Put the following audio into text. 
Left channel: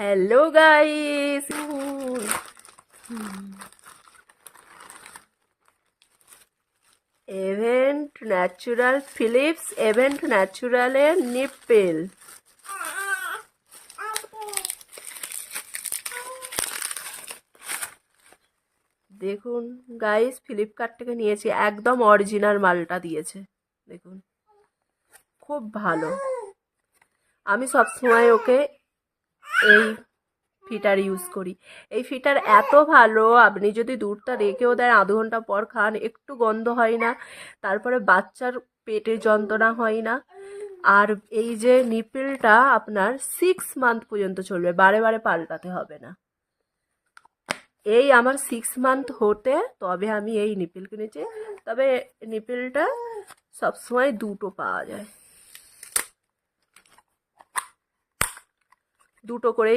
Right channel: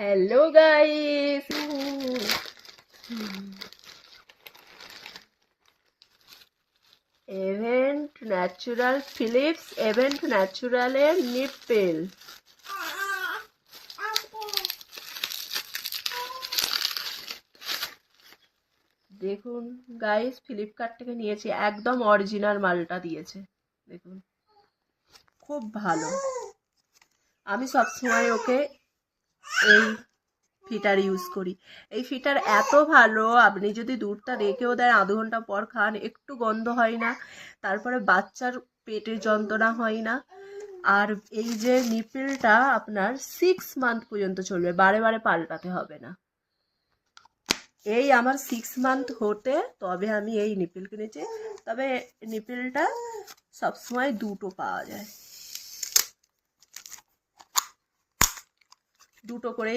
Hello guys, Avent natural Philips Avent ন্যাচুরালের nipple. দেখুন guys, Flipkart থেকে নিয়েছি, একদম অরিজিনাল মালটা দিয়েছে। দেখুন খুব ভালো। আমি সবসময় ওকে এই ফিটার ইউজ করি। এই ফিটার এত ভালো, আপনি যদি দুধটা রেখেও দেন আধ ঘন্টা পর খান, একটু গন্ধ হয় না, তারপরে বাচ্চার পেটের যন্ত্রণা হয় না। আর এই যে নিপেলটা আপনার 6 মান্থ পর্যন্ত চলবে, বারে বারে পাল্টাতে হবে না। এই আমার 6 মান্থ হতে তবে আমি এই নিপেল কিনেছি। তবে নিপেলটা সবসময় দুটো পাওয়া যায়, দুটো করে